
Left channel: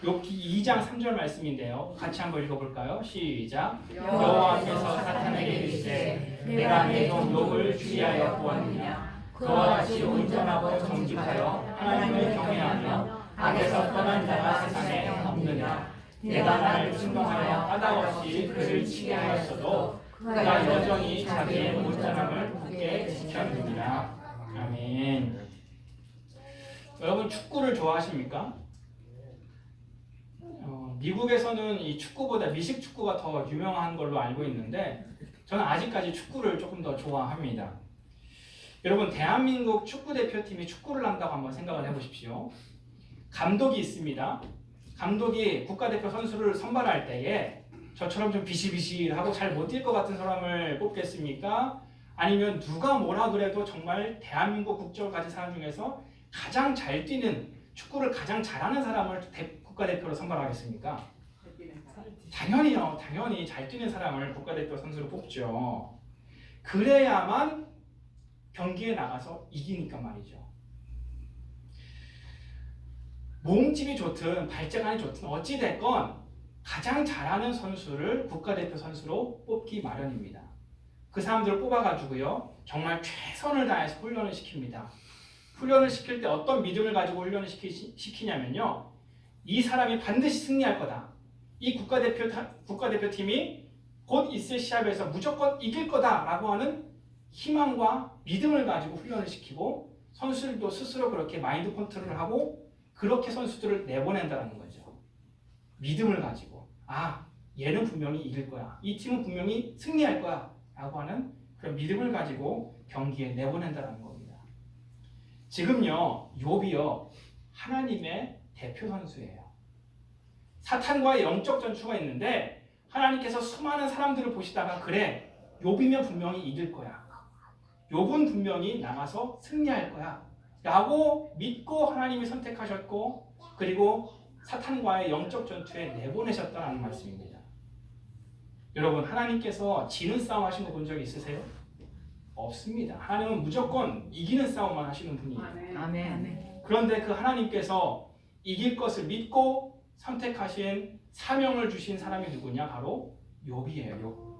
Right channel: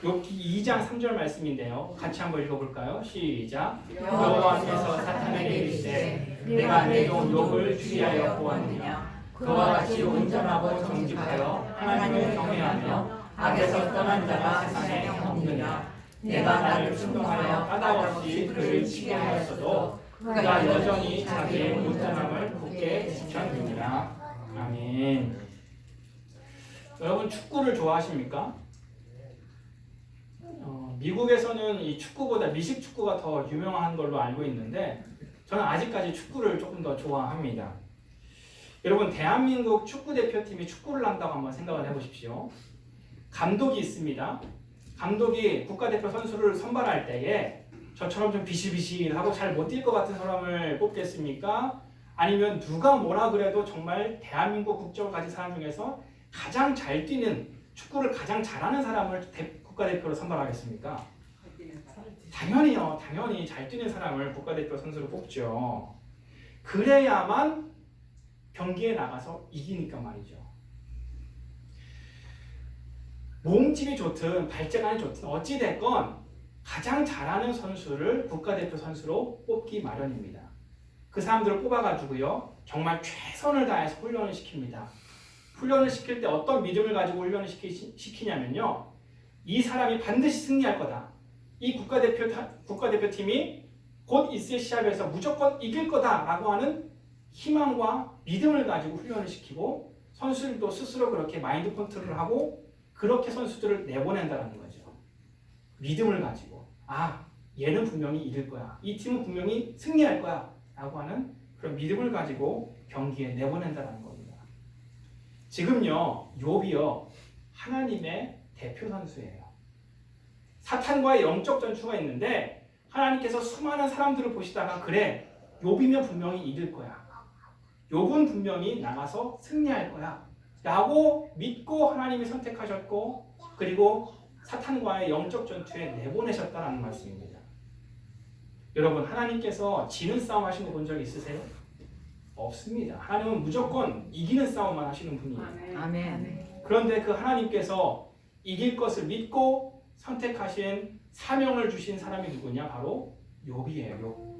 욥기 2장 3절 말씀인데요. 같이 한번 읽어볼까요? 시작. 여호와께서 사탄에게 이르시되 내가 내 종 욥을 주의하여 보았느냐. 그와 같이 온전하고 정직하여 하나님을 경외하며 악에서 떠난 자가 세상에 없느냐. 내가 나를 충동하여 까닭없이 그를 치게 하였어도 그가 여전히 자기의 온전함을 굳게 지켰느니라. 아멘. 여러분 축구를 좋아하십니까? 미국에서는 이 축구보다 미식 축구가 더 유명한 걸로 알고 있는데 저는 아직까지 축구를 조금 더 좋아합니다. 여러분 대한민국 축구 대표팀이 축구를 한다고 한번 생각을 해보십시오. 감독이 있습니다. 감독이 국가대표 선수를 선발할 때에 저처럼 좀 비실비실하고 잘 못 뛸 것 같은 사람을 뽑겠습니까? 아니면 누가 뭐라 그래도 정말 대한민국 국적을 가진 사람 중에서 가장 잘 뛰는 축구를 가장 잘하는 사람을 국가대표로 선발하겠습니까? 당연히요. 당연히 잘 뛰는 사람을 국가대표 선수로 뽑죠. 그래야만 경기에 나가서 이기니까 말이죠. 몸집이 좋든 발재간이 좋든 어찌됐건 가장 잘하는 선수를 국가대표 선수로 뽑기 마련입니다. 그 사람들을 뽑아가지고요 정말 최선을 다해서 훈련을 시킵니다. 훈련을 시킬 때 어떤 믿음을 가지고 훈련을 시키냐면요 이 사람이 반드시 승리할 거다. 이 국가대표팀이 곧 있을 시합에서 무조건 이길 거다라고 하는 희망과 믿음을 가지고 훈련을 시키고 선수들도 스스로 그렇게 마인드 컨트롤을 하고 그렇게 선수들을 내보낸다는 거죠. 믿음을 가지고 얘는 분명히 이길 거야. 이 팀은 분명히 승리할 거야 라고 하는 그런 믿음을 가지고 경기에 내보낸다는 겁니다. 지금요 욥이요 하나님의 대표 선수예요. 사탄과의 영적 전투가 있는데 하나님께서 수많은 사람들을 보시다가 그래 욥이면 분명히 이길 거야. 욥은 분명히 나가서 승리할 거야 라고 믿고 하나님이 선택하셨고 그리고 사탄과의 영적 전투에 내보내셨다는 말씀입니다. 여러분 하나님께서 지는 싸움 하신 거 본 적 있으세요? 없습니다. 하나님은 무조건 이기는 싸움만 하시는 분이에요. 아멘. 그런데 그 하나님께서 이길 것을 믿고 선택하신 사명을 주신 사람이 누구냐? 바로 욥이에요. 욥.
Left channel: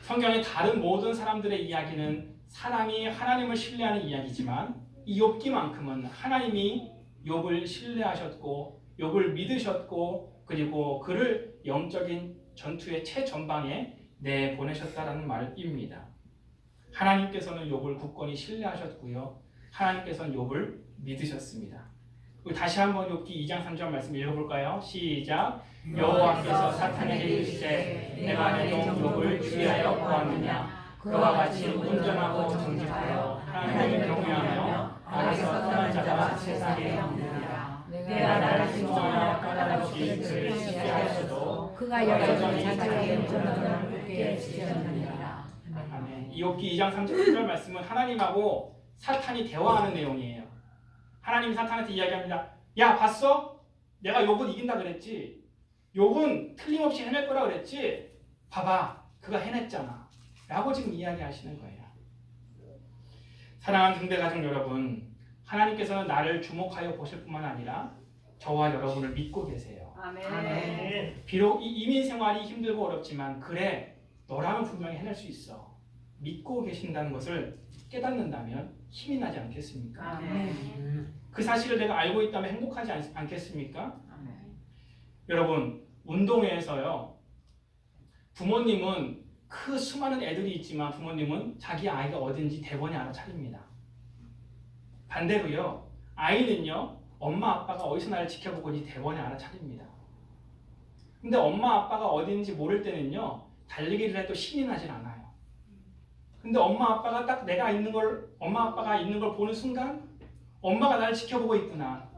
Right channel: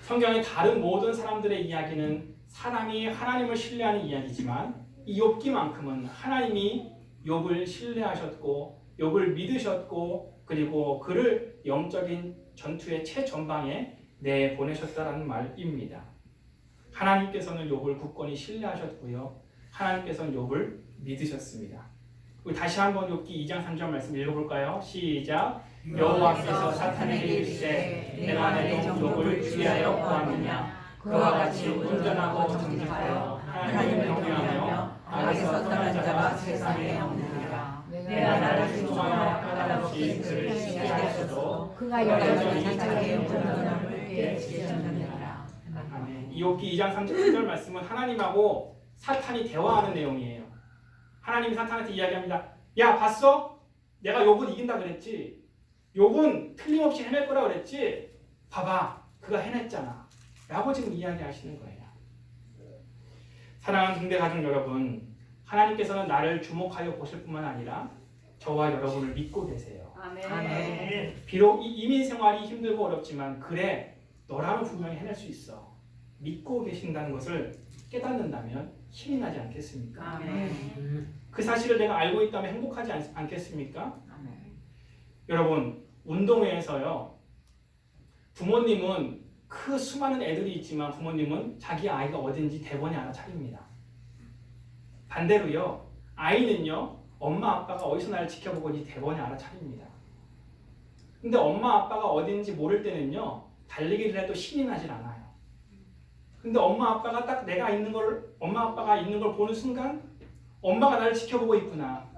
성경의 다른 모든 사람들의 이야기는 사람이 하나님을 신뢰하는 이야기지만 이 욥기만큼은 하나님이 욥을 신뢰하셨고 욥을 믿으셨고 그리고 그를 영적인 전투의 최전방에 내보내셨다는 말입니다. 하나님께서는 욥을 굳건히 신뢰하셨고요. 하나님께서는 욥을 믿으셨습니다. 다시 한번 욥기 2장 3절 말씀 읽어볼까요? 시작. 여호와께서 사탄에게 이르시되 내가 내 종 욥을 주의하여 보았느냐 그와 같이 온전하고 정직하여 하나님을 경외하며 악에서 떠난 자가 세상에 없느니라. 내가 나를 신동하여 까닭없이 그를 시게 하였어도 그가 여전히 자기의 온전함을 굳게 지켰느니라. 아멘. 이 욥기 2장 3절 말씀은 하나님하고 사탄이 대화하는 내용이에요. 하나님이 사탄한테 이야기합니다. 야 봤어? 내가 욥은 이긴다 그랬지? 욥은 틀림없이 해낼 거라 그랬지? 봐봐 그가 해냈잖아 라고 지금 이야기하시는 거예요. 사랑하는 등대가족 여러분, 하나님께서는 나를 주목하여 보실 뿐만 아니라 저와 여러분을 믿고 계세요. 아멘. 비록 이 이민 생활이 힘들고 어렵지만 그래 너라면 분명히 해낼 수 있어 믿고 계신다는 것을 깨닫는다면 힘이 나지 않겠습니까? 아멘. 그 사실을 내가 알고 있다면 행복하지 않겠습니까? 아멘. 여러분 운동회에서요 부모님은 그 수많은 애들이 있지만 부모님은 자기 아이가 어딘지 대번에 알아차립니다. 반대로요 아이는요 엄마 아빠가 어디서 나를 지켜보고 있는지 대번에 알아차립니다. 근데 엄마 아빠가 어딘지 모를 때는요 달리기를 해도 신이 나질 않아요. 근데 엄마 아빠가 딱 내가 있는 걸 엄마 아빠가 있는 걸 보는 순간 엄마가 나를 지켜보고 있구나.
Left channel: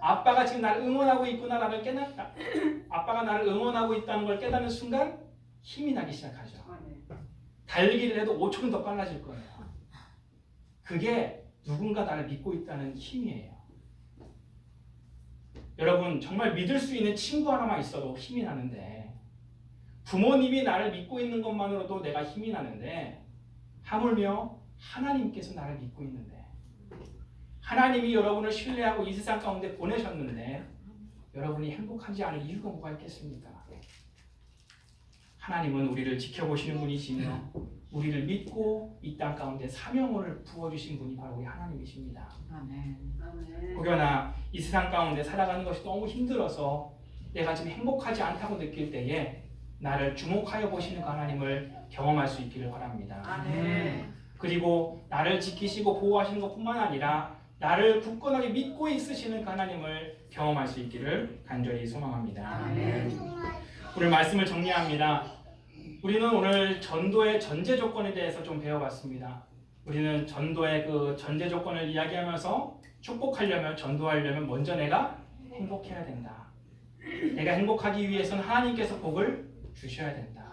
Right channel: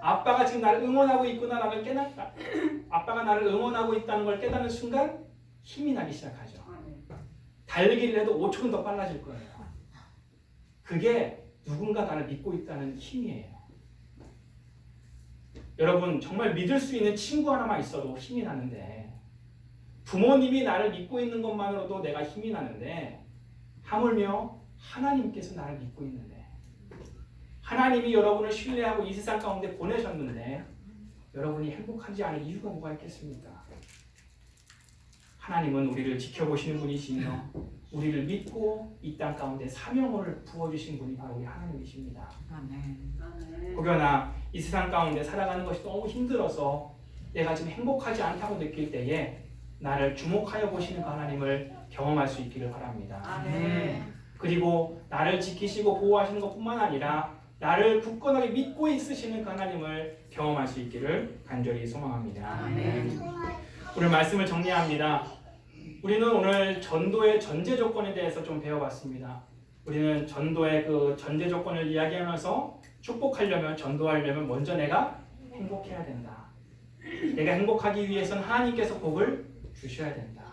아빠가 지금 나를 응원하고 있구나라는 깨닫다. 아빠가 나를 응원하고 있다는 걸 깨닫는 순간 힘이 나기 시작하죠. 달리기를 해도 5초는 더 빨라질 거예요. 그게 누군가 나를 믿고 있다는 힘이에요. 여러분 정말 믿을 수 있는 친구 하나만 있어도 힘이 나는데 부모님이 나를 믿고 있는 것만으로도 내가 힘이 나는데 하물며 하나님께서 나를 믿고 있는데 하나님이 여러분을 신뢰하고 이 세상 가운데 보내셨는데 여러분이 행복하지 않을 이유가 뭐가 있겠습니까? 하나님은 우리를 지켜보시는 분이시며 우리를 믿고 이 땅 가운데 사명을 부어주신 분이 바로 우리 하나님이십니다. 아멘. 혹여나 이 세상 가운데 살아가는 것이 너무 힘들어서 내가 지금 행복하지 않다고 느낄 때에 나를 주목하여 보시는 그 하나님을 경험할 수 있기를 바랍니다. 아멘. 그리고 나를 지키시고 보호하시는 것뿐만 아니라 나를 굳건하게 믿고 있으시는 그 하나님을 경험할 수 있기를 간절히 소망합니다. 아멘. 오늘 말씀을 정리합니다. 우리는 오늘 전도의 전제 조건에 대해서 좀 배워봤습니다. 우리는 전도의 그 전제 조건을 이야기하면서 축복하려면 전도하려면 먼저 내가 행복해야 된다. 내가 행복하기 위해서는 하나님께서 복을 주셔야 된다.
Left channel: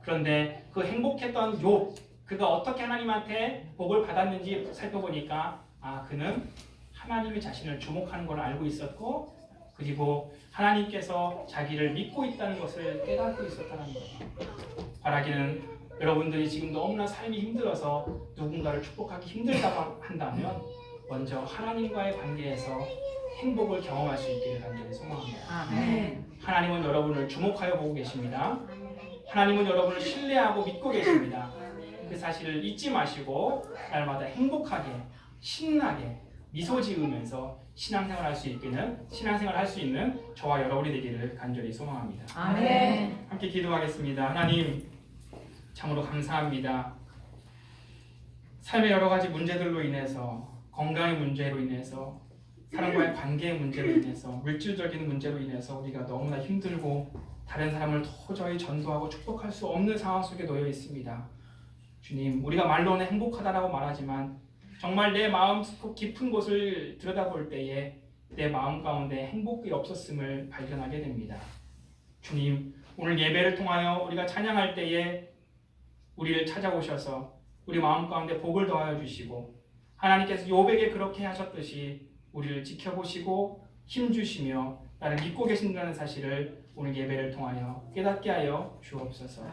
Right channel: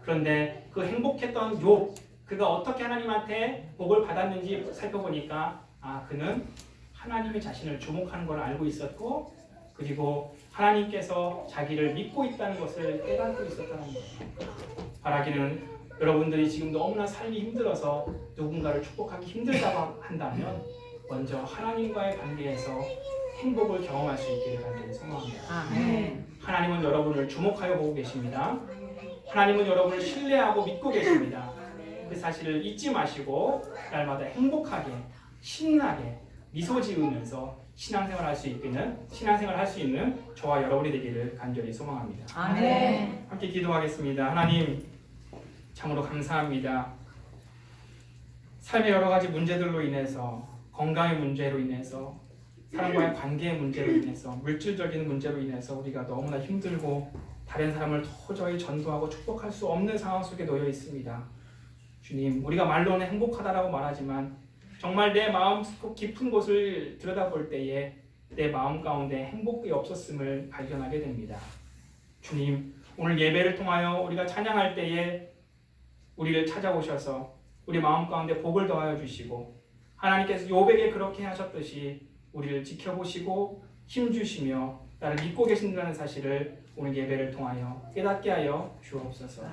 그런데 그 행복했던 욥 그가 어떻게 하나님한테 복을 받았는지 살펴보니까 그는 하나님이 자신을 주목하는 걸 알고 있었고 그리고 하나님께서 자기를 믿고 있다는 것을 깨닫고 있었다는 거예요. 바라기는 여러분들이 지금 너무나 삶이 힘들어서 누군가를 축복하기 힘들다고 한다면 먼저 하나님과의 관계에서 행복을 경험할 수 있기를 간절히 소망합니다. 아멘. 하나님은 여러분을 주목하여 보고 계십니다. 하나님은 여러분을 신뢰하고 믿고 계십니다. 그 사실을 잊지 마시고 날마다 행복하게 신나게 미소 지으면서 신앙생활 할 수 있는 저와 여러분이 되기를 간절히 소망합니다. 아멘. 함께 기도하겠습니다. 하나님 참으로 감사합니다. 삶의 여러 가지 문제들로 인해서 건강의 문제로 인해서 사람과의 관계의 문제로 인해서 물질적인 문제로 인해서 우리가 너무나 힘들고 다른 사람을 도저히 전도하고 축복할 수 없는 상황 속에 놓여 있습니다. 주님, 우리가 말로는 행복하다라고 말하지만 정말 내 마음 깊은 곳을 들여다볼 때에 내 마음 가운데 행복이 없었음을 발견하게 됩니다. 주님, 오늘 예배를 통하여 우리가 찬양할 때에 우리를 찾아오셔서 우리 마음 가운데 복을 더하여 주시고 하나님께서 욥에게 그렇게 하셨듯이 우리를 지켜보시고 힘주시며 나를 믿고 계신다는 사실을 오늘 예배를 통하여 깨닫게 하여 주옵소서.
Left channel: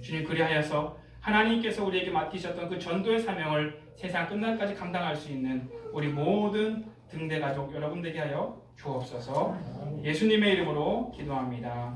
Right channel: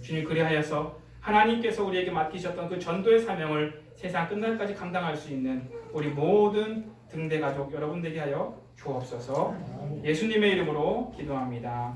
주님, 그리하여서 하나님께서 우리에게 맡기셨던 그 전도의 사명을 세상 끝날까지 감당할 수 있는 우리 모든 등대 가족 여러분 되게 하여 주옵소서. 예수님의 이름으로 기도합니다.